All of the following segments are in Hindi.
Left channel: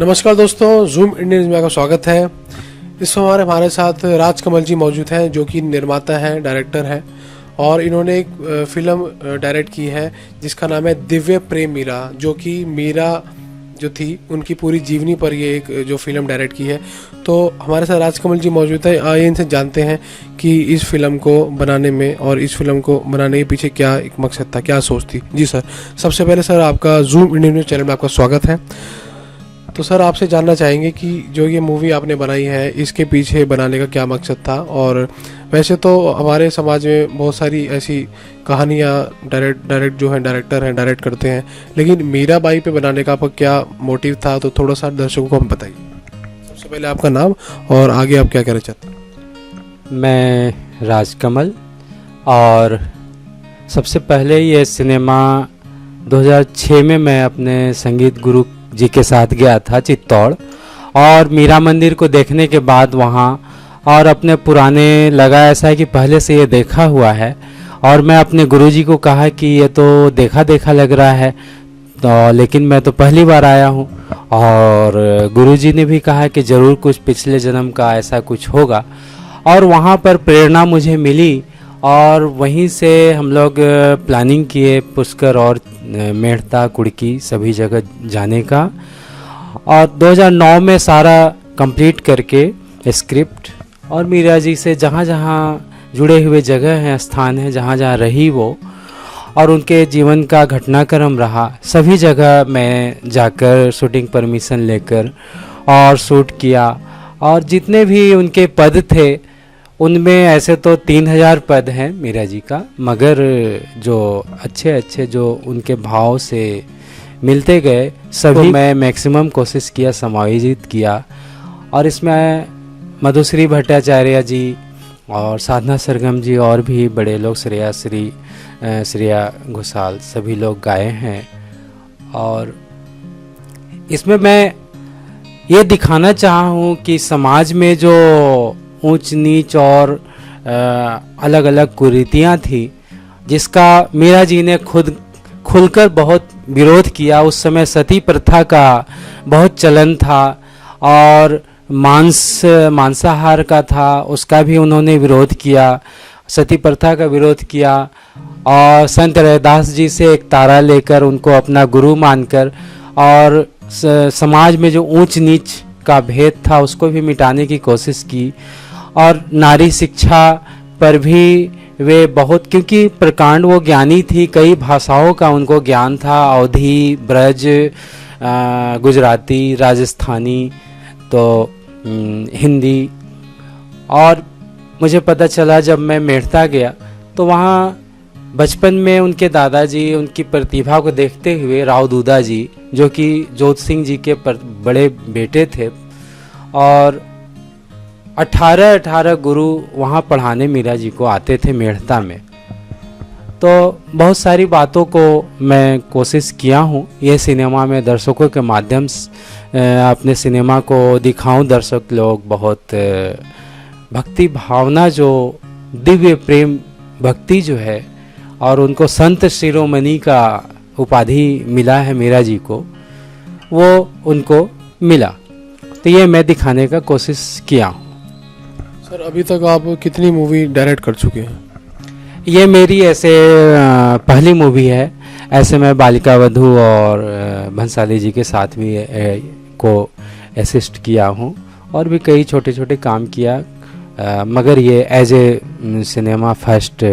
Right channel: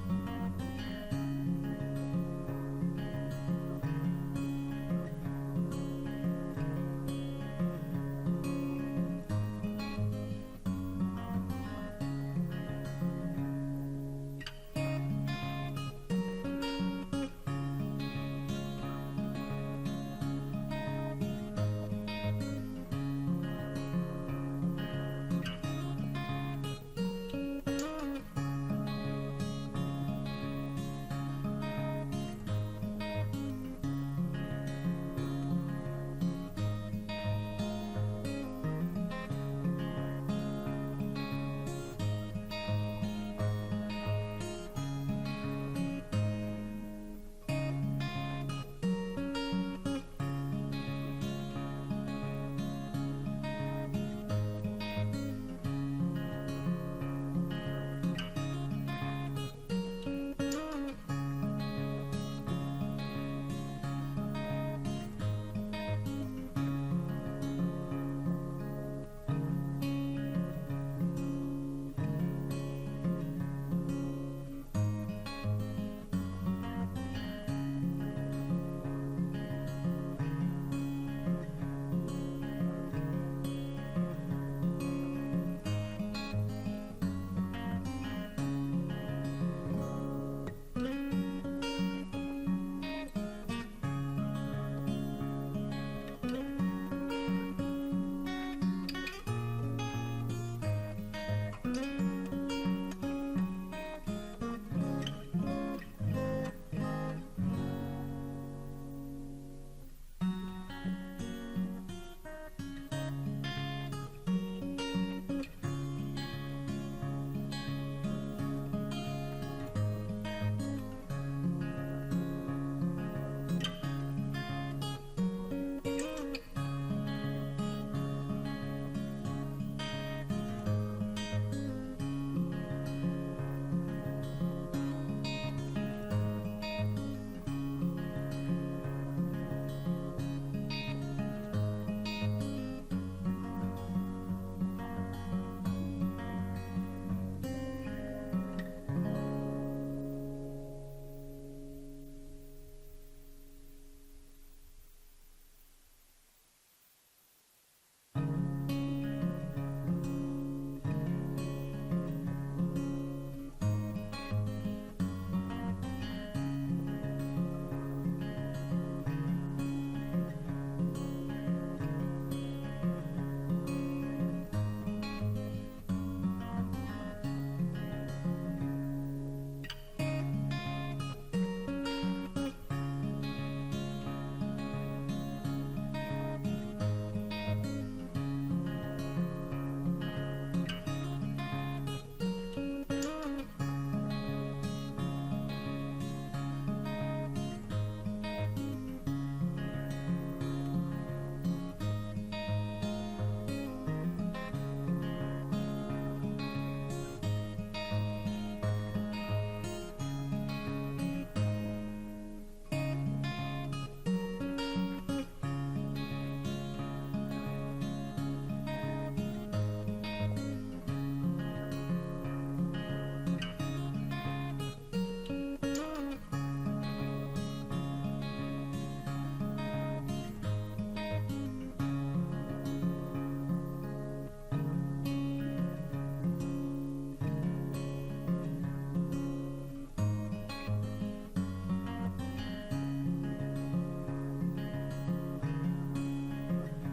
नमस्कार दोस्तों, जूम इंडिया न्यूज़ में आपका स्वागत है। इस समय हमारे साथ राजकमल जी मौजूद हैं, जो कि निर्माता हैं, डायरेक्टर हैं और इन्होंने एक फिल्म डायरेक्ट की है जिसका नाम है दिव्य प्रेम मीरा, जो कि मीरा जो थी उनकी पूरी जीवनी पर ये एक जो फिल्म डायरेक्ट की है। तो हमारे साथ राजकमल जी मौजूद है। आइए इनसे जानते हैं कि इस फिल्म को बनाने में और इस फिल्म को बनाने के पीछे क्या एक मकसद था, क्या सोच थी। जी सर, सबसे पहले सर आपका जूम इंडिया न्यूज़ चैनल में आपका स्वागत है। तो सर आपसे जानना चाहेंगे कि जो ये मूवी आपने बनाई है इसके पीछे बनाने का क्या मकसद था। और वैसे तो हमारे समाज में बहुत सारी ऐसी कहानियाँ डायरेक्ट जो हैं डायरेक्टर हैं डायरेक्ट करते हैं, लेकिन मीरा बाई पे बनाने का आपका क्या मोटिव था, तो थोड़ा सा दर्शकों को हम बताइए। सबसे पहले आपका नाम और आगे आप क्या कहना चाहते हैं। मैं राजकमल, और सबसे पहले ये सिनेमा 2006 में मैं अपने संगीत गुरु जी के साथ गया था चित्तौड़, और मीरा मंदिर को देखने के बाद वहाँ और अपने पुराने लगा ऐसा है कि पहले से ये देखा हुआ है, और मैं अपने गुरुजी को कहा कि ये तो देखा देखा लग रहा है, तो लेकिन मैं तो पहली बार आया हूँ। और गुरुजी ने भी कहा कि ज़रूर कुछ पिछले जन्म का ऐसा कुछ होगा, और वहाँ पर प्रेरणा मुझे मिली और वहीं से हम लोग प्लानिंग किए पुष्कर और मेड़ता कुड़की सभी जगह जाने का। और 2009 में सारा कंप्लीट करके स्क्रिप्ट और मीरा जी से जहाँ जहाँ जुड़े हुए जगह हैं, स्थान हैं, जहाँ जहाँ रही वो और उनके जीवन का घटनाक्रम रहा, सभी जगह मैं जाकर शूटिंग परमिशन लेकर और शूट किया। और जितने भी उनके पद थे उनमें ऐसे तो 3000 पद हैं मीरा जी का, मगर जो अच्छे अच्छे जो उनके भाव से मिलते गए सभी तो मैं मैक्सिमम कोशिश किया, समायोजित किया। और इसमें मधुश्री भट्टाचार्य जी और साधना सरगम जी और भी बड़े लोग, श्रेया घोषाल, सभी लोग गाए हैं। और इसमें मैं ये दिखाना चाहा हूँ कि समाज में जो ऊंच नीच और अलग अलग कुरीतियाँ थी, जिसका मीरा जी ने खुद खुलकर बहुत विरोध किया। उस समय सती प्रथा का बहुत चलन था और मांसाहार का था, उसका भी उन्होंने विरोध किया, सती प्रथा का विरोध किया। और संत रैदास जी से एक तारा लेकर उनको अपना गुरु मानकर और समाज में जो ऊंच नीच का भेद था उसको भी मिटाने की कोशिश की। और नारी शिक्षा पर भी वे बहुत, क्योंकि प्रकांड वो ज्ञानी थी, कई भाषाओं का उनको ज्ञान था, अवधी, ब्रज, गुजराती, राजस्थानी, तो हिंदी। और मुझे पता चला जब मैं मेड़ता गया तो वहाँ बचपन में उनके दादाजी उनकी प्रतिभा को देखते हुए, राव दूदा जी जो कि जोत सिंह जी के बड़े बेटे थे, और 18 गुरु वहाँ पढ़ाने मीरा जी को आते थे मेड़ता में। तो बहुत सारी बातों को मैं कोशिश किया हूँ ये सिनेमा में दर्शकों के माध्यम से अपने सिनेमा को दिखाऊं। दर्शक लोग बहुत भक्ति भावना, जो दिव्य प्रेम भक्ति जो है, और उनको संत शिरोमणि का उपाधि मिला है मीरा जी को, वो उनको मिला। तो ये मैं दिखाने का कोशिश किया हूँ। सर अभी तक आप कितनी मूवी डायरेक्ट कर चुके हैं। ये मेरी ऐसे पहली मूवी है। ऐसे मैं बालिका वधू और भंसाली जी के साथ भी को असिस्ट किया हूँ और भी कई छोटे छोटे काम किया, मगर ये एज ए सिनेमा फर्स्ट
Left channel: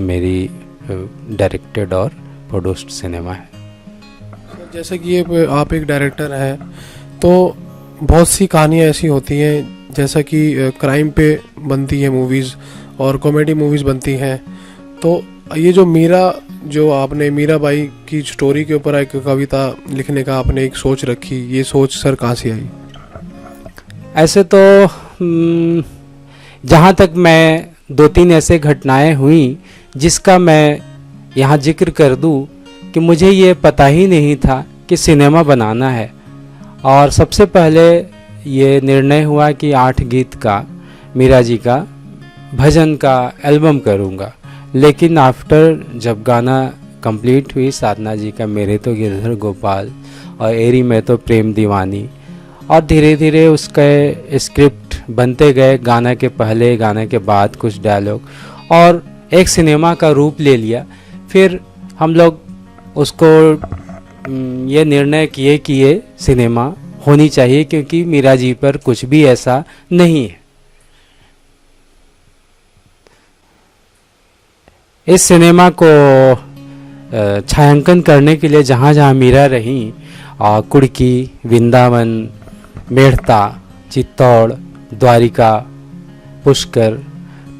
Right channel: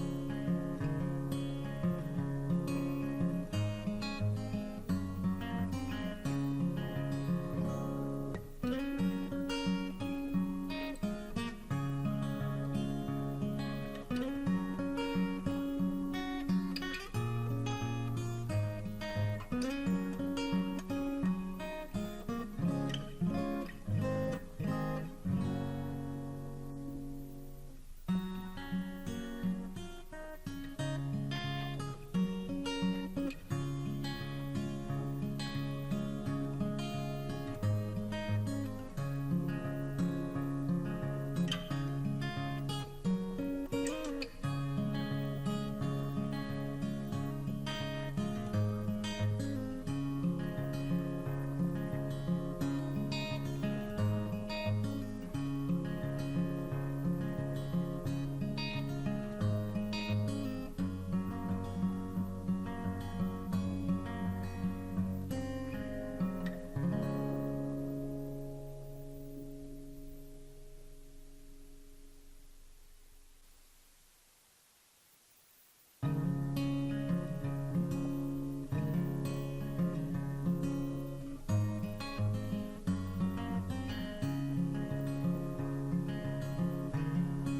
मेरी डायरेक्टेड और प्रोड्यूस्ड सिनेमा है। जैसे कि ये आप एक डायरेक्टर हैं, तो बहुत सी कहानियाँ ऐसी होती हैं जैसा कि क्राइम पे बनती है मूवीज़ और कॉमेडी मूवीज़ बनती हैं। तो ये जो आपने मीरा बाई की स्टोरी के ऊपर एक कविता लिखने का आपने एक सोच रखी, ये सोच सर कहाँ से आई। ऐसे तो जहाँ तक मैं 2-3 ऐसे घटनाएं हुई जिसका मैं यहाँ जिक्र कर दूँ कि मुझे ये पता ही नहीं था कि सिनेमा बनाना है। और सबसे पहले ये निर्णय हुआ कि 8 गीत का मीरा जी का भजन का एल्बम करूँगा, लेकिन आफ्टर जब गाना कंप्लीट हुई साधना जी का मेरे तो गिरधर गोपाल और एरी में तो प्रेम दीवानी, और धीरे धीरे उसके स्क्रिप्ट बनते गए, गाना के पहले गाने के बाद कुछ डायलॉग, और एक सिनेमा का रूप ले लिया। फिर हम लोग उसको ये निर्णय किए कि ये सिनेमा होनी चाहिए, क्योंकि मीरा जी पर कुछ भी ऐसा नहीं है। इस सिनेमा को छायांकन करने के लिए जहाँ जहाँ मीरा रहीं, कुड़की, वृंदावन, मेड़ता, चित्तौड़, द्वारिका, पुष्कर,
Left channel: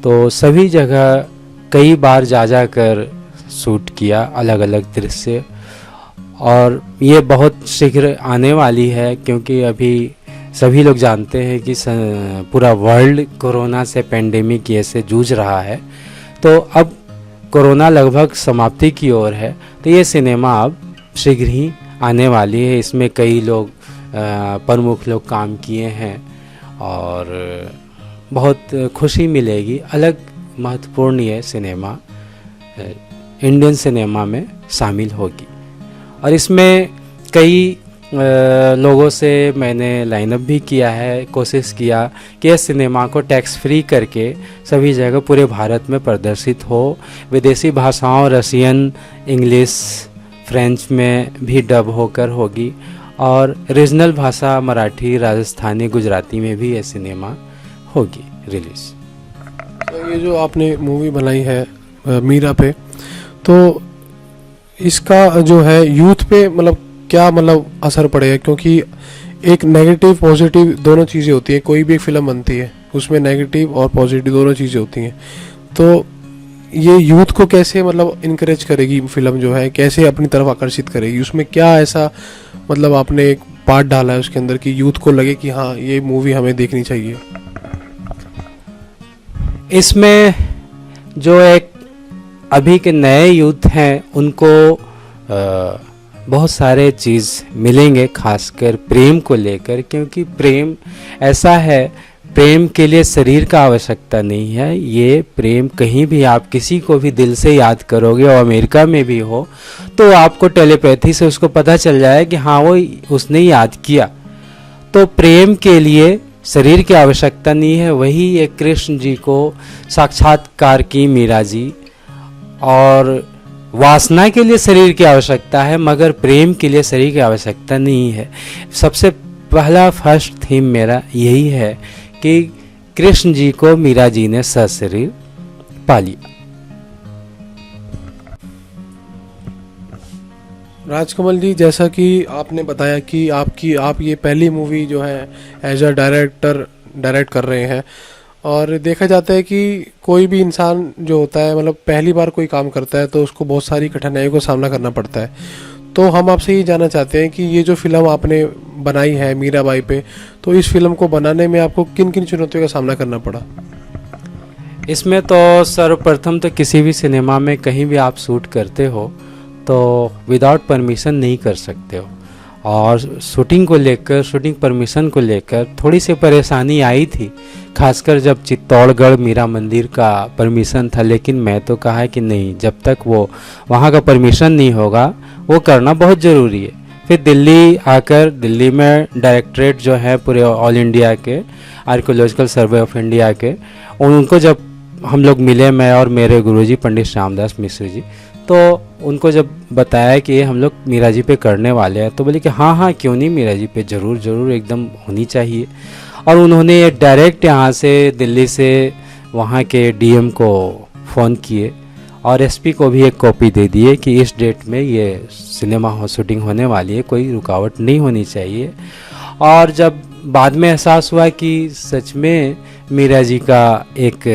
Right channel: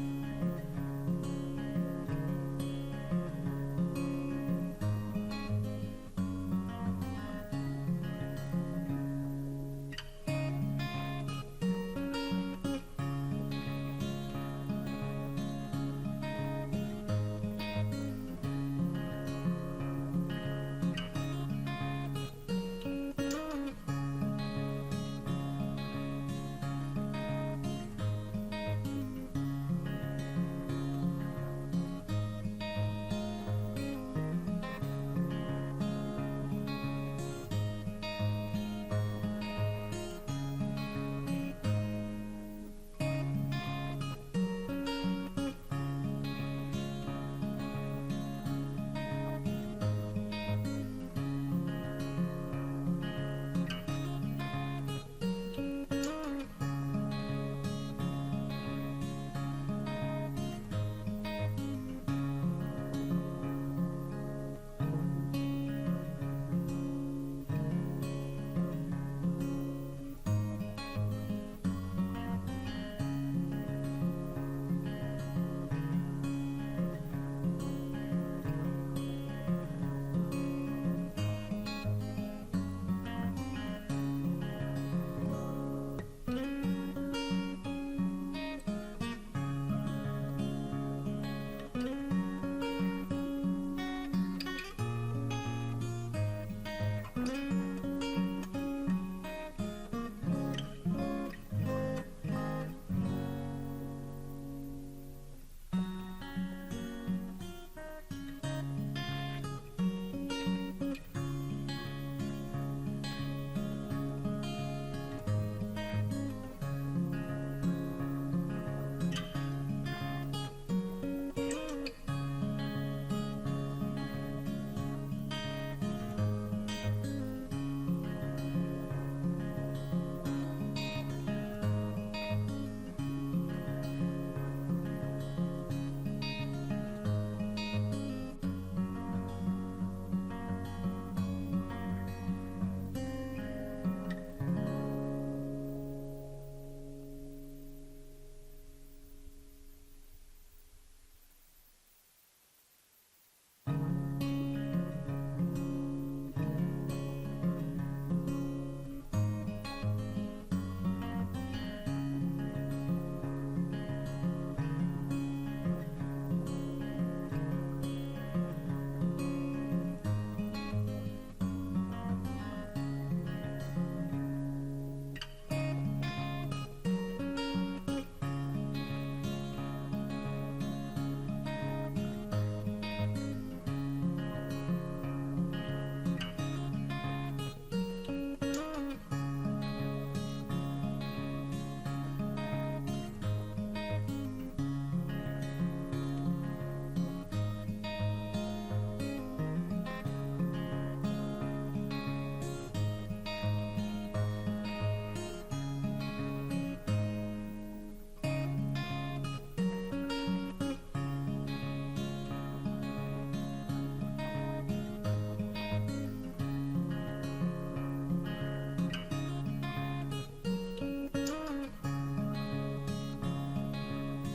तो सभी जगह कई बार जा कर शूट किया अलग अलग दृश्य। और ये बहुत शीघ्र आने वाली है, क्योंकि अभी सभी लोग जानते हैं कि पूरा वर्ल्ड कोरोना से, पेंडेमिक ये से जूझ रहा है। तो अब कोरोना लगभग समाप्ति की ओर है, तो ये सिनेमा अब शीघ्र ही आने वाली है। इसमें कई लोग प्रमुख लोग काम किए हैं और बहुत खुशी मिलेगी। अलग महत्वपूर्ण ये सिनेमा इंडियन सिनेमा में शामिल होगी। और इसमें कई लोगों से मैंने लाइनअप भी किया है, कोशिश किया कि इस सिनेमा को टैक्स फ्री करके सभी जगह पूरे भारत में प्रदर्शित हो। विदेशी भाषाओं, रशियन, इंग्लिश, फ्रेंच में भी डब होकर होगी, और रीजनल भाषा मराठी, राजस्थानी, गुजराती में भी ये सिनेमा होगी रिलीज। तो ये जो आपने मूवी बनाई है मीरा पे, तो इसका जो है यूथ पे मतलब क्या मतलब असर पड़ेगा? क्योंकि एक नेगेटिव पॉजिटिव दोनों चीज़ें होती हैं, कोई भी एक फिल्म बनती है उसमें नेगेटिव और पॉजिटिव दोनों चीज़ें होती हैं। तो ये यूथ को कैसे मतलब इनकरेज करेगी फिल्म, जो है कैसे अपनी तरफ आकर्षित करेगी? उसमें क्या ऐसा मतलब आपने एक पार्ट डाला है उसके अंदर कि यूथ को लगे कि हाँ ये मूवी हमें देखनी चाहिए? इसमें जो एक अभी के नए यूथ हैं उनको बहुत सारे चीज़ मिलेंगे, खासकर प्रेम को लेकर, क्योंकि प्रेम ऐसा है, प्रेम के लिए शरीर का आवश्यकता नहीं है। ये प्रेम कहीं भी आप किसी को भी दिल से याद करोगे, और अमेरिका में भी हो तो आपको टेलीपैथी से उसको पता चल जाए कि हाँ वो उसने याद किया। तो प्रेम के लिए शरीर की आवश्यकता नहीं है। वही एक कृष्ण जी को साक्षात्कार की मीरा जी, और वासना के लिए शरीर की आवश्यकता है, मगर प्रेम के लिए शरीर की आवश्यकता नहीं है। सबसे पहला फर्स्ट थीम मेरा यही है कि कृष्ण जी को मीरा जी ने सशरीर पा लिया। राजकमल जी, जैसा कि आपने बताया कि आप ये पहली मूवी जो है एज अ डायरेक्टर डायरेक्ट कर रहे हैं, और देखा जाता है कि कोई भी इंसान जो होता है मतलब पहली बार कोई काम करता है तो उसको बहुत सारी कठिनाइयों का सामना करना पड़ता है। तो हम आपसे ये जानना चाहते हैं कि ये जो फिल्म आपने बनाई है मीराबाई पे, तो इस फिल्म को बनाने में आपको किन किन चुनौतियों का सामना करना पड़ा? इसमें तो सर्वप्रथम तो किसी भी सिनेमा में कहीं भी आप शूट करते हो तो विदाउट परमिशन नहीं कर सकते हो, और शूटिंग को लेकर, शूटिंग परमिशन को लेकर थोड़ी सी परेशानी आई थी, खासकर जब चित्तौड़गढ़ मीरा मंदिर का परमिशन था। लेकिन मैं तो कहा कि नहीं, जब तक वो वहाँ का परमिशन नहीं होगा वो करना बहुत ज़रूरी है। फिर दिल्ली आकर, दिल्ली में डायरेक्टरेट जो है पूरे ऑल इंडिया के, आर्कियोलॉजिकल सर्वे ऑफ इंडिया के, उनको जब हम लोग मिले, मैं और मेरे गुरुजी पंडित श्यामदास मिश्र जी, तो उनको जब बताया कि ये हम लोग मीरा जी पे करने वाले हैं, तो बोले कि हाँ हाँ क्यों नहीं, मीरा जी पे ज़रूर ज़रूर एकदम होनी चाहिए। और उन्होंने डायरेक्ट यहाँ से दिल्ली से वहाँ के डीएम को फ़ोन किए और एसपी को भी एक कॉपी दे दिए कि इस डेट में ये सिनेमा शूटिंग होने वाली है, कोई रुकावट नहीं होनी चाहिए। और जब बाद में एहसास हुआ कि सच में मीरा जी का एक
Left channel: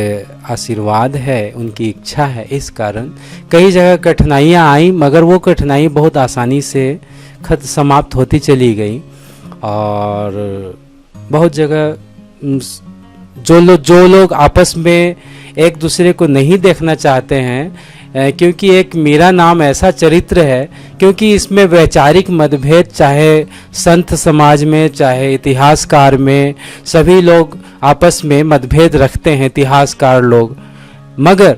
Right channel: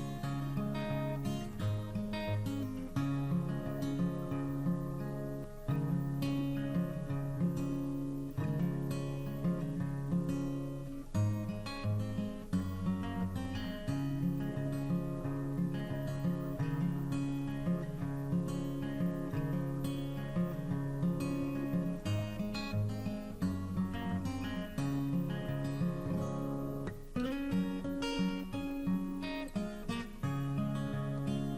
आशीर्वाद है, उनकी इच्छा है, इस कारण कई जगह कठिनाइयाँ आई, मगर वो कठिनाई बहुत आसानी से समाप्त होती चली गई। और बहुत जगह जो लोग आपस में एक दूसरे को नहीं देखना चाहते हैं, क्योंकि एक मीरा नाम ऐसा चरित्र है, क्योंकि इसमें वैचारिक मतभेद चाहे संत समाज में चाहे इतिहासकार में, सभी लोग आपस में मतभेद रखते हैं, इतिहासकार लोग। मगर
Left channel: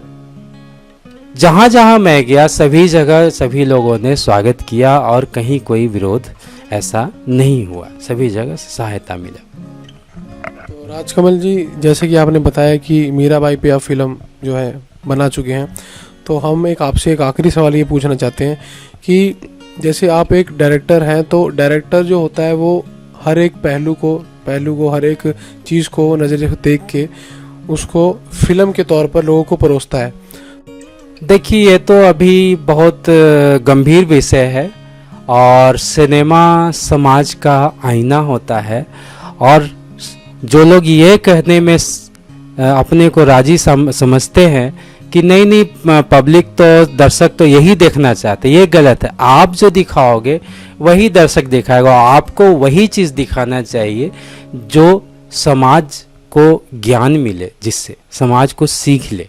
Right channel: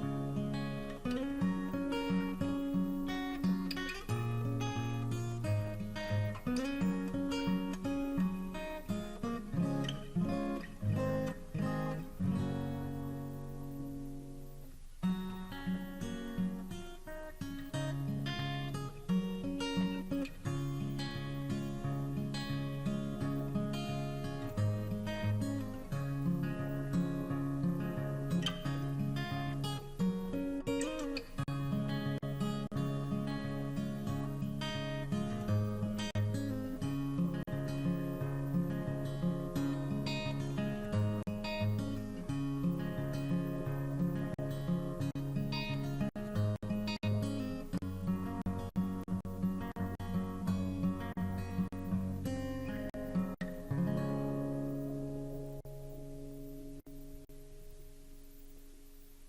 जहाँ जहाँ मैं गया सभी जगह सभी लोगों ने स्वागत किया और कहीं कोई विरोध ऐसा नहीं हुआ, सभी जगह से सहायता मिला। तो राजकमल जी, जैसे कि आपने बताया कि मीराबाई पे आप फिल्म जो है बना चुके हैं, तो हम आपसे एक आखिरी सवाल ये पूछना चाहते हैं कि जैसे आप एक डायरेक्टर हैं, तो डायरेक्टर जो होता है वो हर एक पहलू को हर एक चीज़ को नज़रिए से देख के उसको फिल्म के तौर पर लोगों को परोसता है। देखिए, ये तो अभी बहुत गंभीर विषय है और सिनेमा समाज का आईना होता है, और जो लोग ये कहने में अपने को राजी समझते हैं कि नहीं पब्लिक तो, दर्शक तो यही देखना चाहते, ये गलत है। आप जो दिखाओगे वही दर्शक दिखाएगा, आपको वही चीज़ दिखाना चाहिए जो समाज को ज्ञान मिले, जिससे समाज को सीख ले।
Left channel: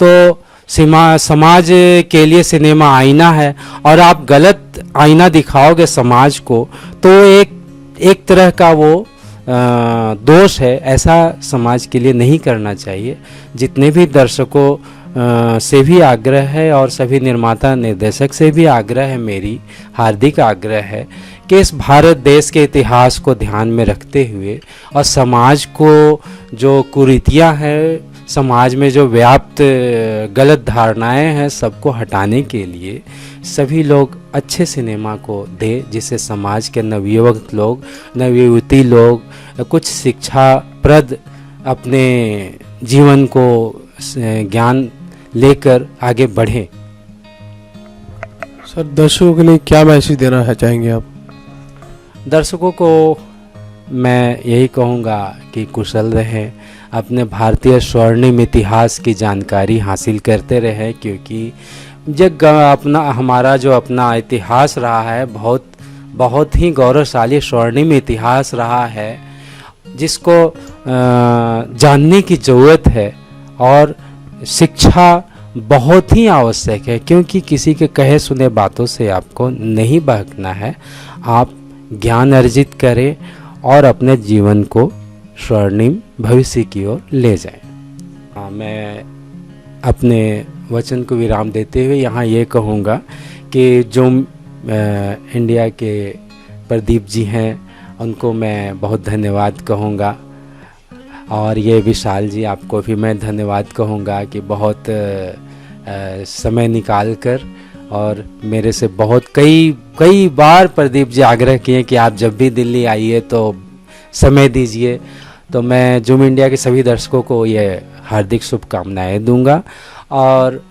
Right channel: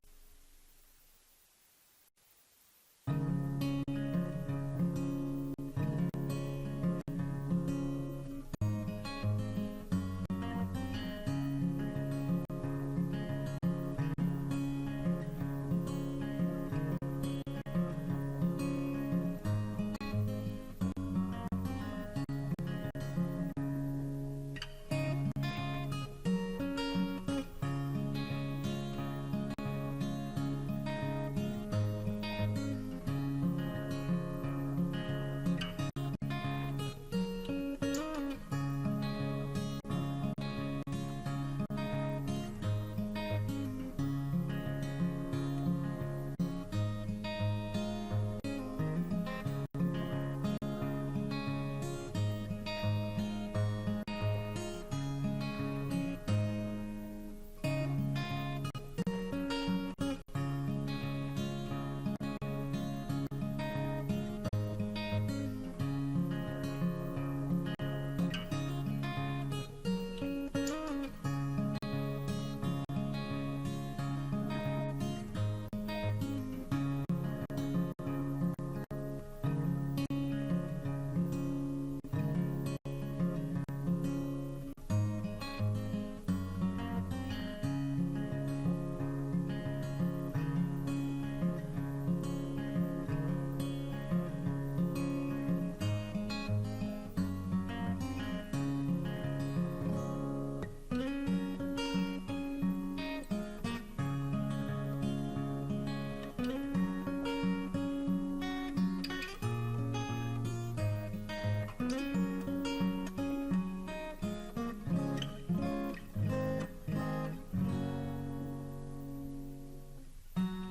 तो समाज के लिए सिनेमा आईना है, और आप गलत आईना दिखाओगे समाज को तो एक तरह का वो दोष है। ऐसा समाज के लिए नहीं करना चाहिए। जितने भी दर्शकों से भी आग्रह है और सभी निर्माता निर्देशक से भी आग्रह है, मेरी हार्दिक आग्रह है कि इस भारत देश के इतिहास को ध्यान में रखते हुए और समाज को जो कुरीतियाँ हैं, समाज में जो व्याप्त गलत धारणाएं हैं, सबको हटाने के लिए सभी लोग अच्छे सिनेमा को दे, जिससे समाज के नवयुवक लोग, नवयुवती लोग कुछ शिक्षाप्रद अपने जीवन को ज्ञान लेकर आगे बढ़ें। सर, दर्शकों के लिए क्या मैसेज देना चाहेंगे आप? दर्शकों को मैं यही कहूँगा कि कुशल रहें, अपने भारतीय स्वर्णिम इतिहास की जानकारी हासिल करते रहें, क्योंकि जब हमारा जो अपना इतिहास रहा है, बहुत ही गौरवशाली स्वर्णिम इतिहास रहा है, जिसको जानने की ज़रूरत है। और शिक्षा बहुत ही आवश्यक है, क्योंकि किसी के कहे सुने बातों से आपको नहीं बहकना है। आप ज्ञान अर्जित करें और अपने जीवन को स्वर्णिम भविष्य की ओर ले जाएं। मैं अपने वचन को विराम देते हुए यहाँ ये कहूँगा कि जो इंडिया के प्रदीप जी हैं, उनको मैं बहुत धन्यवाद कहूँगा, और ये विशाल जी, आपको भी मैं धन्यवाद कहूँगा कि बहुत समय निकाल कर, और मेरे से बहुत कई बार प्रदीप जी आग्रह किए कि आप जब भी दिल्ली आइए तो समय दीजिए। तो मैं जूम इंडिया के सभी दर्शकों को ये हार्दिक शुभकामनाएं दूंगा, और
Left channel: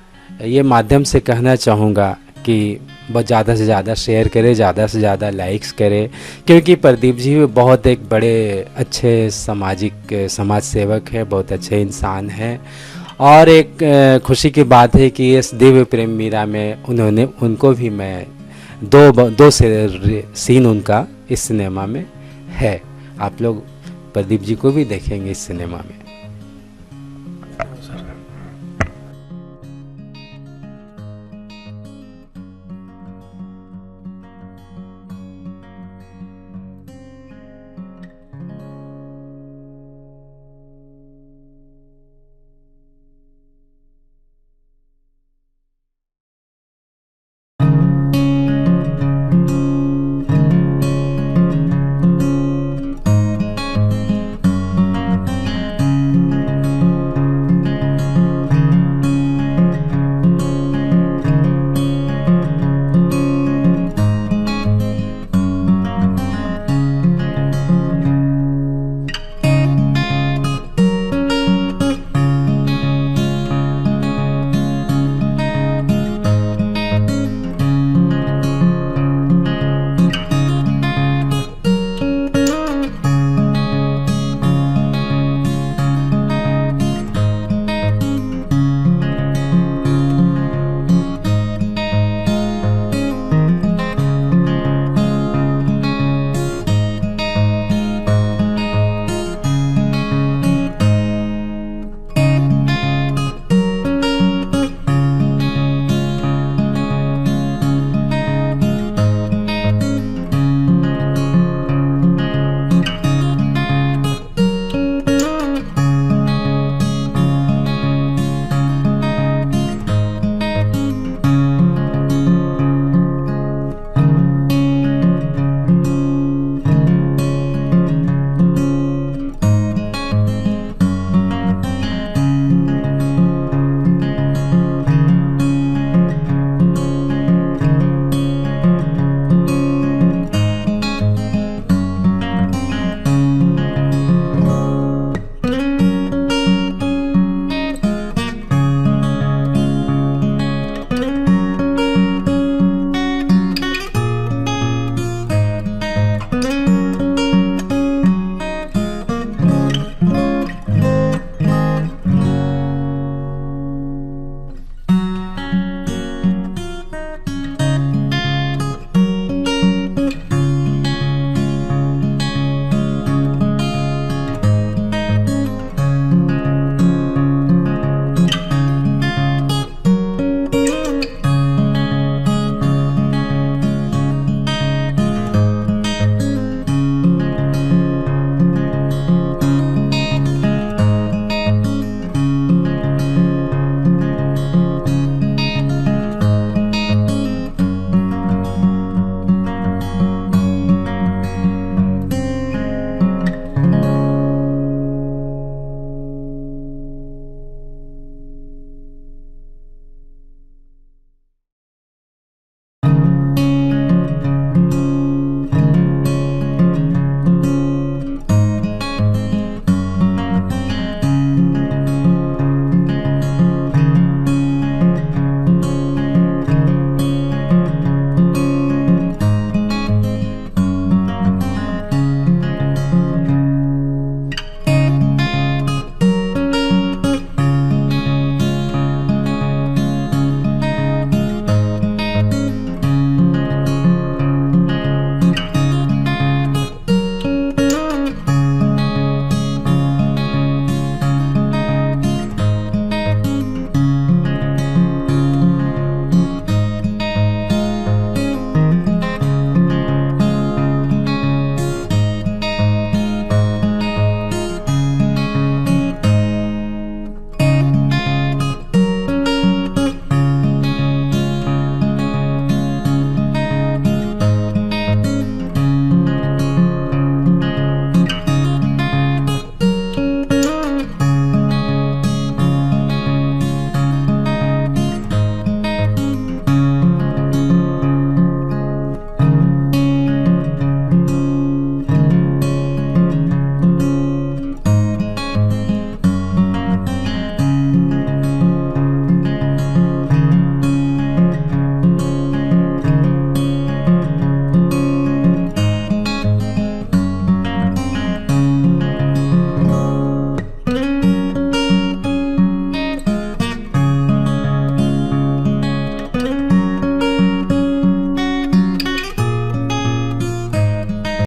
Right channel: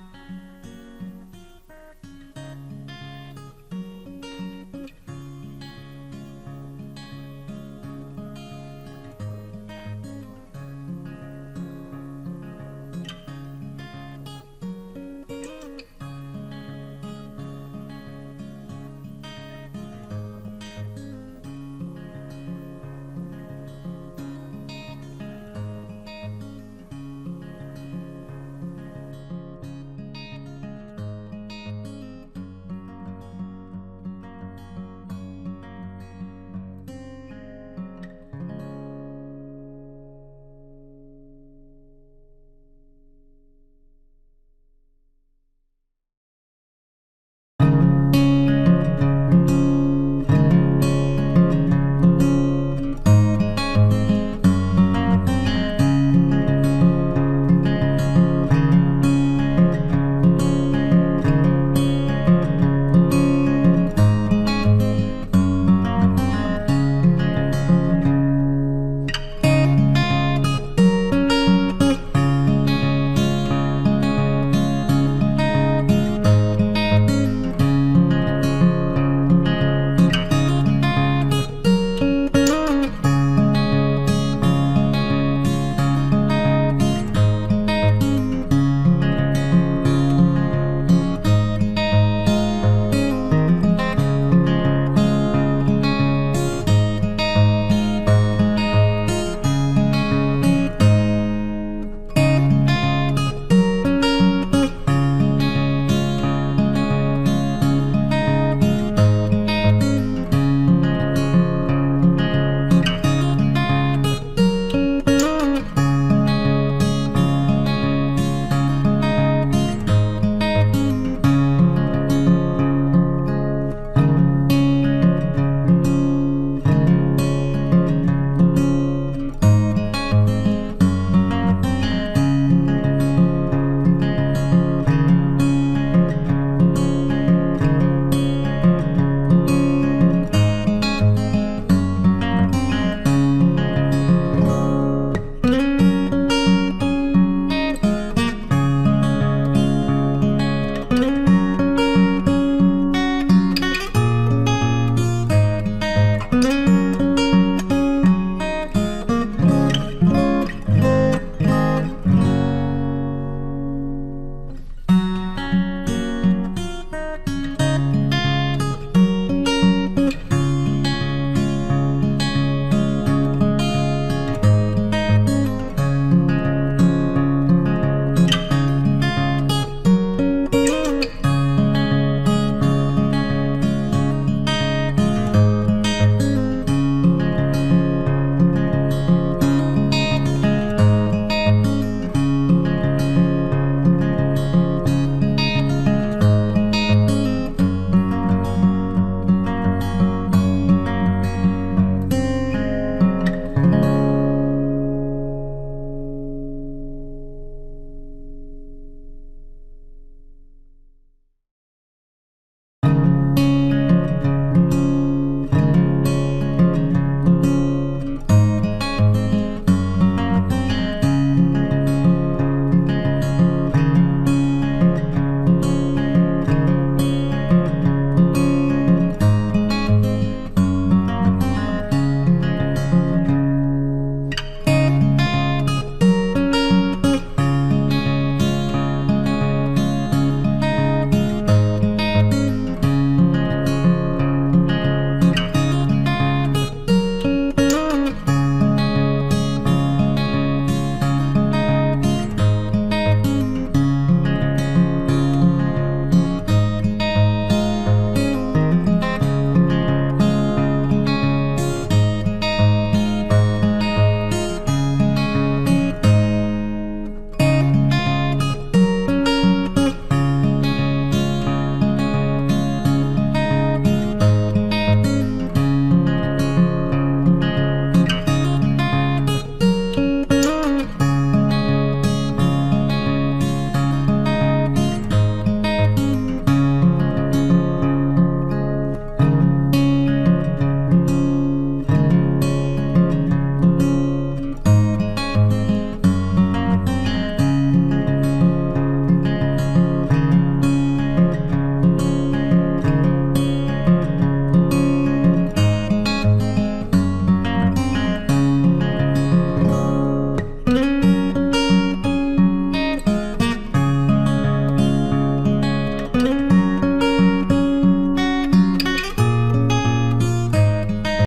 ये माध्यम से कहना चाहूँगा कि बहुत ज़्यादा से ज़्यादा शेयर करें, ज़्यादा से ज़्यादा लाइक्स करें, क्योंकि प्रदीप जी बहुत एक बड़े अच्छे समाज सेवक है, बहुत अच्छे इंसान हैं। और एक खुशी की बात है कि इस दिव्य प्रेम मीरा में उनको भी मैं दो सीन उनका इस सिनेमा में है। आप लोग प्रदीप जी को भी देखेंगे इस सिनेमा में।